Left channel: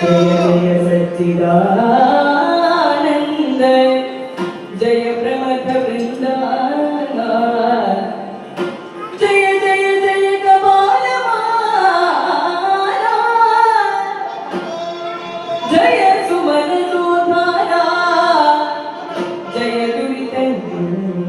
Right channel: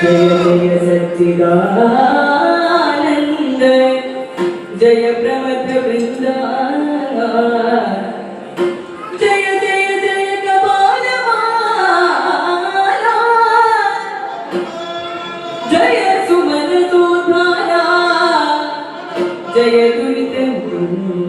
जय जय सच्चिदानन्द जय प्रमथ वृन्दा जय जय जय कपालमाला जय सुमन सुधारा जय दुरितन्दूरा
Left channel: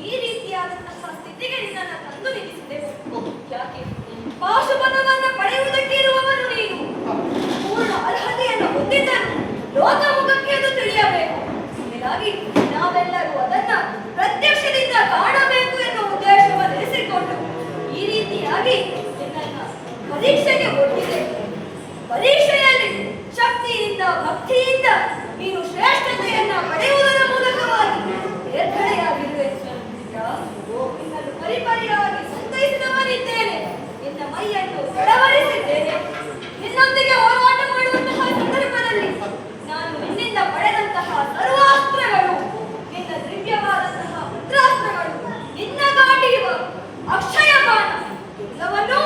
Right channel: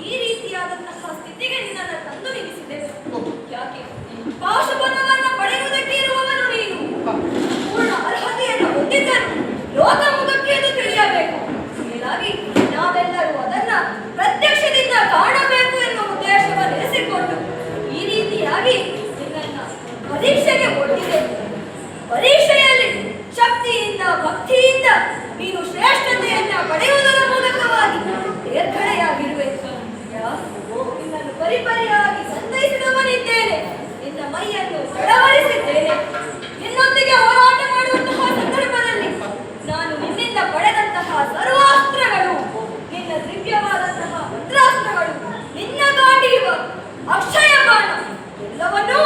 ಈ ರೀತಿಯಾದಂತಹ ಸ್ಥಿತಿಗೆ ನಿನ್ನನ್ನು ತಂದು ನಿಲ್ಲಿಸಿದ್ದೆವು ಯಾಕೆ? ಹೀಗಾಗಿ ನಾವೆಲ್ಲರೂ ಅದನ್ನ ಪ್ರತ್ಯಕ್ಷದಿಂದ ಕಾಣಬೇಕು ಎನ್ನುವ ಉದ್ದೇಶವನ್ನು ಇರಿಸಿಕೊಂಡು ಈ ರೀತಿಯಾಗಿ ಪರೀಕ್ಷೆಗೆ ಒಟ್ಟಿದೆ ಪರೀಕ್ಷೆಯಲ್ಲಿ ಶಕ್ತಿಯಿಂದ, ಭಕ್ತಿಯಿಂದ ನೀನು ಶ್ರೇಷ್ಠತೆಯನ್ನ ಪಡೆಯುವುದರ ಮೂಲಕವಾಗಿ ತೇರ್ಗಡೆಯಾಗಿರುವೆ ಪರಿಪರಿಯಾಗಿ ಸಂತೈಸಿದವನಿದ್ದೇನೆ. ನಿನ್ನ ಮೈಯನ್ನು ಬೆಳವರಿಸಿದ್ದೇನೆ ಅಕ್ಷಯ ಬಾಣ ಎಲ್ಲವನ್ನೂ